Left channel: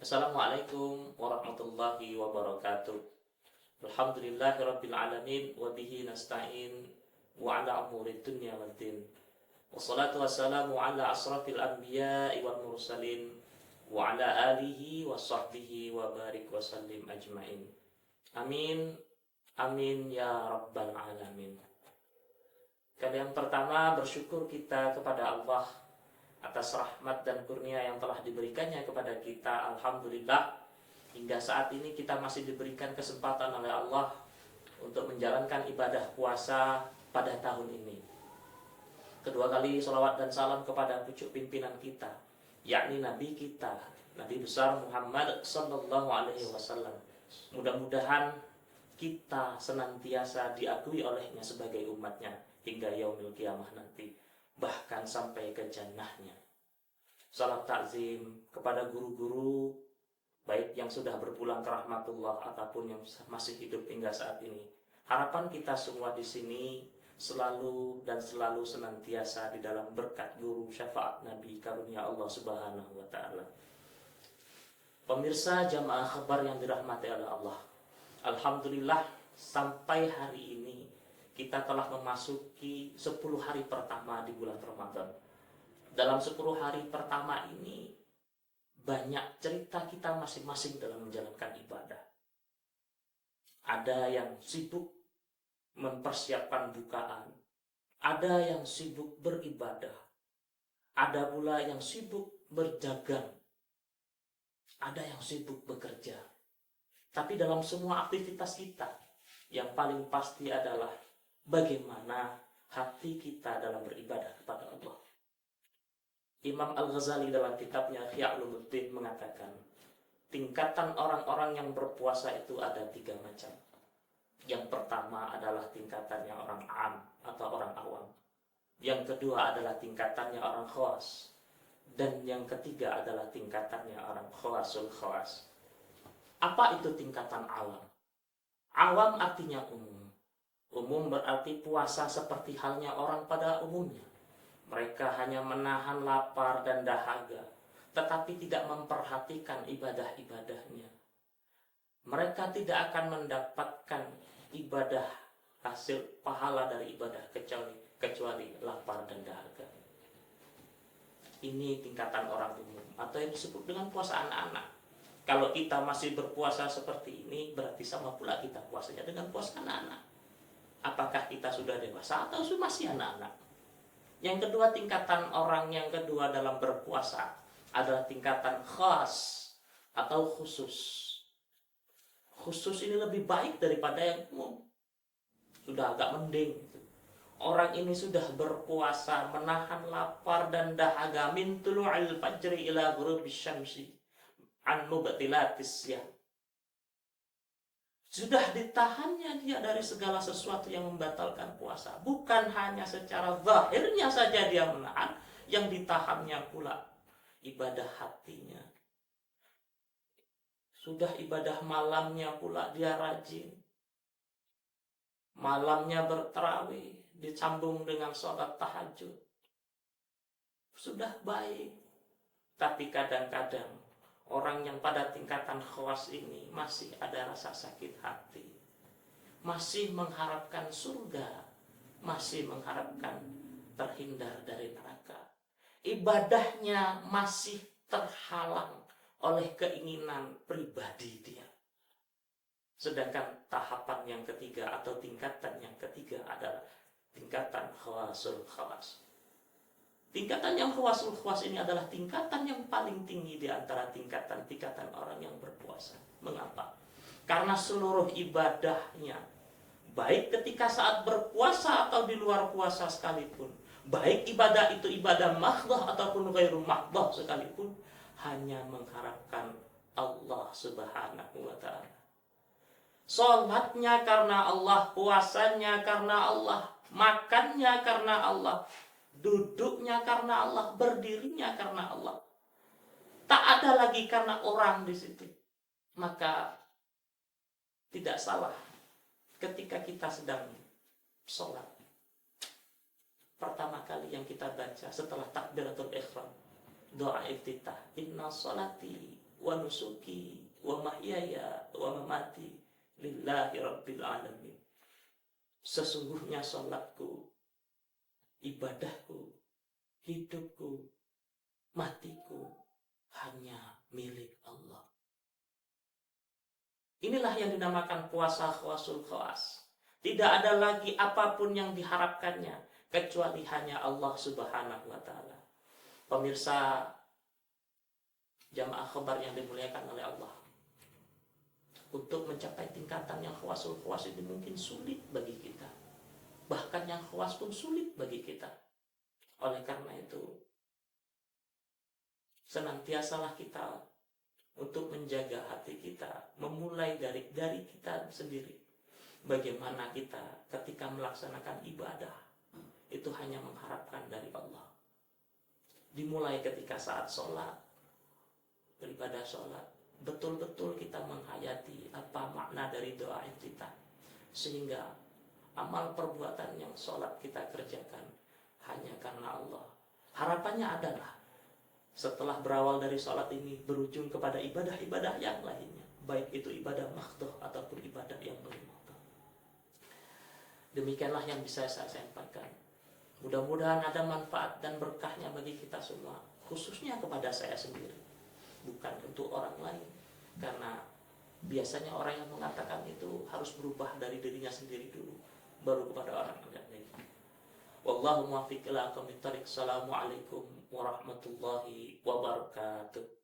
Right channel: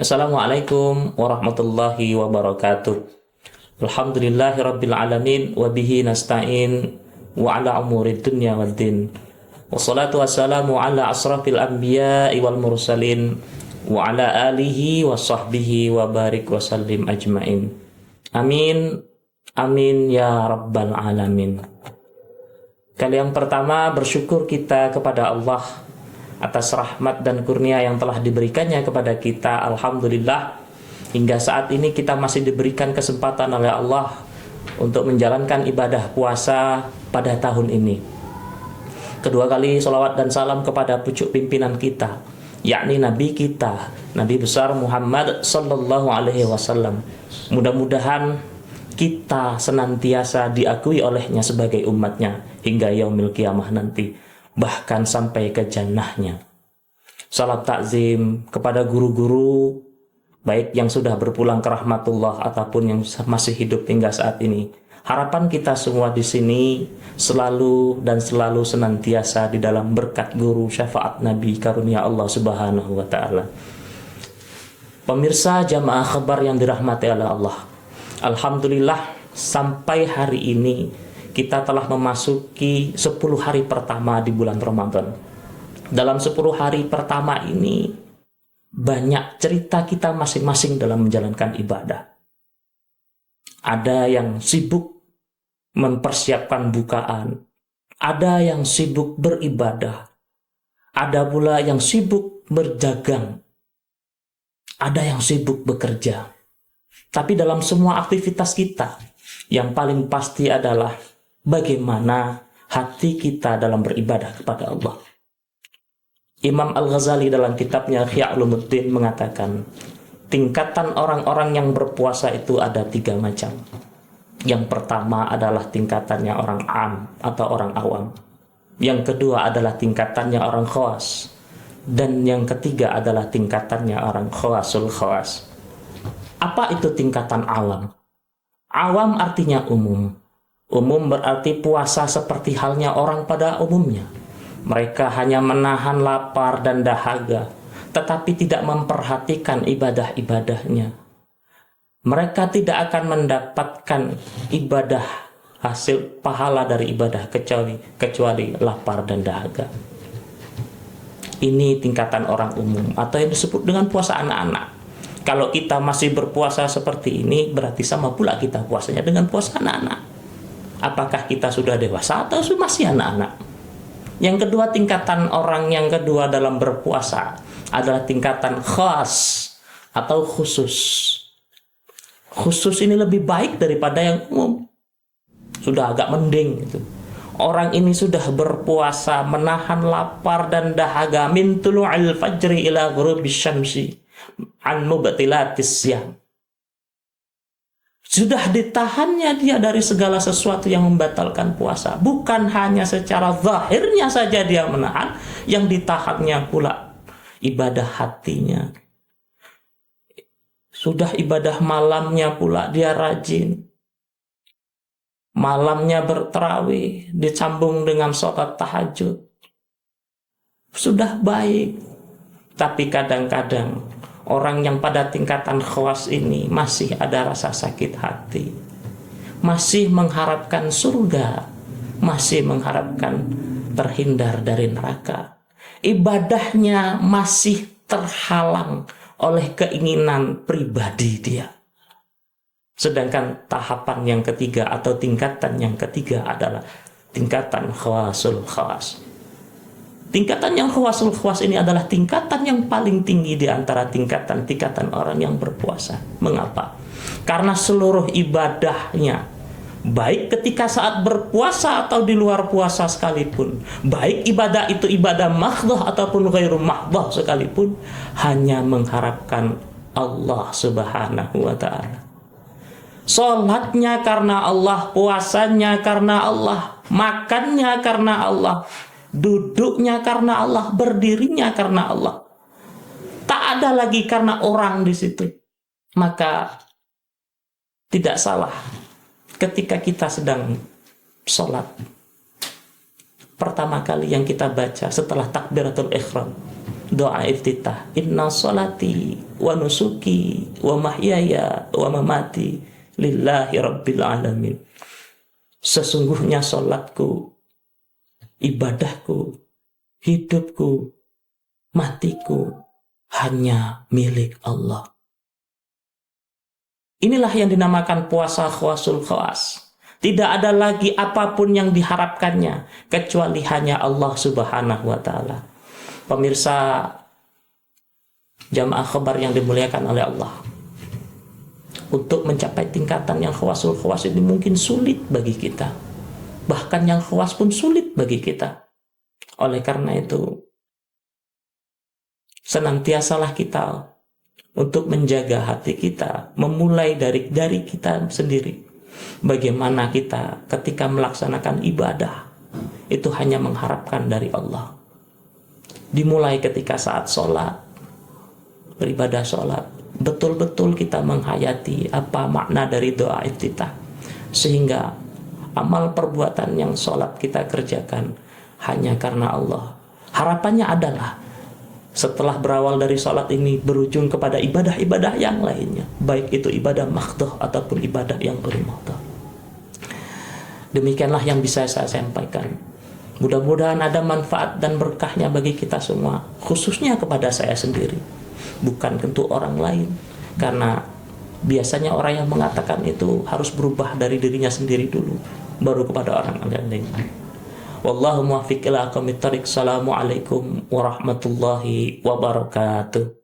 Assalamualaikum warahmatullahi wabarakatuh. Alhamdulillahirabbil alamin wa bihi nasta'in wa ala umurid dunya waddin. Wassalatu wassalamu ala asrafil anbiya'i wal mursalin wa ala alihi wa sahbihi wa barik wa sallim ajmain. Amin. Amin ya rabbal alamin. Kali yang pertama bersyukur kita kepada Allah atas rahmat dan kurnia yang telah diberikannya kepada kita. Alhamdulillah, hingga saat ini kita masih diberikan kesempatan oleh Allah untuk menjalankan ibadah puasa pada tahun ini. Kedua kali salawat dan salam kepada pucuk pimpinan kita, yakni Nabi kita, Nabi besar Muhammad sallallahu alaihi wasallam. Mudah-mudahan kita senantiasa diakui olehnya sebagai umatnya hingga yaumil qiyamah nanti, bahkan sampai ke jannahnya. Salam takzim kepada guru-guru, baik yang sudah berpulang ke rahmatullah ataupun yang masih hidup hingga saat ini. Harapan kita semua di sini selalu dan selalu senantiasa di dalam berkat guru, syafaat Nabi, karunia Allah Subhanahu wa taala. Pemirsa jamaah khabar yang dirahmati oleh Allah, alhamdulillah sampai hari ini kita telah memasuki 10 hari pertama di bulan Ramadan. Dalam 10 hari pertama ini, banyak cerita kita masing-masing dalam menjalankan ibadah. Ada yang sibuk mempersiapkan bukaan, ada yang sibuk beribadah, ada pula yang sibuk berdagang, ada yang sibuk bekerja. Tapi dalam semua aktivitas kita, yang paling pasti adalah bagaimana hati kita dalam beribadah kepada Allah. Imam Al-Ghazali dalam kitabnya Ihya Ulumuddin mengatakan, tingkatan orang-orang yang berpuasa itu ada 3 macam. Yang pertama adalah tingkatannya orang am atau orang awam. Yang kedua adalah tingkatannya orang khawas. Dan yang ketiga adalah tingkatannya orang khawasul khawas. Apa itu tingkatan awam? Awam artinya umum. Umum berarti puasa seperti halnya orang pada umumnya. Mereka hanya menahan lapar dan dahaga, tetapi tidak memperhatikan ibadah-ibadahnya. Mereka tidak akan mendapatkan ibadah, hasil pahala dari ibadah kecuali lapar dan dahaga. Ini tingkatan orang umum atau yang disebut dengan puasa anak-anak. Kalau kita masih berpuasa seperti ini, berarti sama pula kita puasanya dengan puasa anak-anak. Apakah kita sudah dewasa atau masih anak-anak? Yang kedua, tingkatan orang yang kedua dalam berpuasa adalah tingkatan khas atau khusus. Khusus ini lebih baik daripada yang umum. Sudah agak mending gitu. Orang ini sudah berpuasa menahan lapar dan dahaga min tulu'il fajri ila ghurubis syamsi an mubtilatis syam. Sudah ditahannya dia dari segala sesuatu yang membatalkan puasa. Bukan hanya secara zahirnya saja dia menahan, yang ditahannya pula ibadah hatinya. Sudah ibadah malamnya pula dia rajin. Malamnya bertarawih, disambung dengan sholat tahajud. Sudah baik. Tapi kadang-kadang orang yang pada tingkatan khawas ini masih ada rasa sakit hati, masih mengharapkan surga, masih mengharapkan terhindar dari neraka. Ibadahnya masih terhalang oleh keinginan pribadi dia. Sedangkan tahapan yang ketiga atau tingkatan yang ketiga adalah tingkatan khawasul khawas. Tingkatan yang khawasul khawas ini adalah tingkatan yang paling tinggi di antara tingkatan-tingkatan orang yang berpuasa. Mengapa? Karena seluruh ibadahnya, baik ketika saat berpuasa atau di luar puasa sekalipun, baik ibadah itu ibadah mahdhah ataupun ghairu mahdhah sekalipun, hanya mengharapkan Allah Subhanahu wa ta'ala. Salatnya karena Allah, puasanya karena Allah, makannya karena Allah, duduknya karena Allah, berdirinya karena Allah. Tak ada lagi karena orang di situ. Maka tidak salah ketika kita sedang sholat, pertama kali yang kita baca setelah takbiratul ihram, doa iftitah, inna salati wa nusuki wa mahyaya wa mamati lillahi rabbil alamin. Sesungguhnya salatku, ibadahku, hidupku, matiku hanya milik Allah. Inilah yang dinamakan puasa khawasul khawas. Tidak ada lagi apapun yang diharapkannya kecuali hanya Allah Subhanahu wa taala. Pemirsa jamaah khabar yang dimuliakan oleh Allah, untuk mencapai tingkatan yang khawasul khawas ini mungkin sulit bagi kita. Bahkan yang khawas pun sulit bagi kita. Oleh karena itu, senantiasalah kita untuk menjaga hati kita, memulai dari kita sendiri. Bagaimana kita ketika melaksanakan ibadah itu hanya mengharapkan dari Allah. Dimulai ketika saat sholat, beribadah sholat, betul-betul kita menghayati apa makna dari doa iftitah, sehingga amal perbuatan yang sholat kita kerjakan hanya karena Allah. Harapannya adalah setelah berawal dari sholat ini berujung kepada ibadah-ibadah yang lainnya, baik itu ibadah maghdoh ataupun ibadah yang ghairi maghdoh. Demikianlah yang bisa saya sampaikan. Mudah-mudahan ada manfaat dan berkahnya bagi kita semua, khususnya kepada saya sendiri, bukan tentu orang lain. Karena biasanya orang yang mengatakan itu harus berubah dari dirinya sendiri dulu, baru kepada orang lain. Wallahu muwaffiq ila aqwamit thariq. Assalamualaikum warahmatullahi wabarakatuh.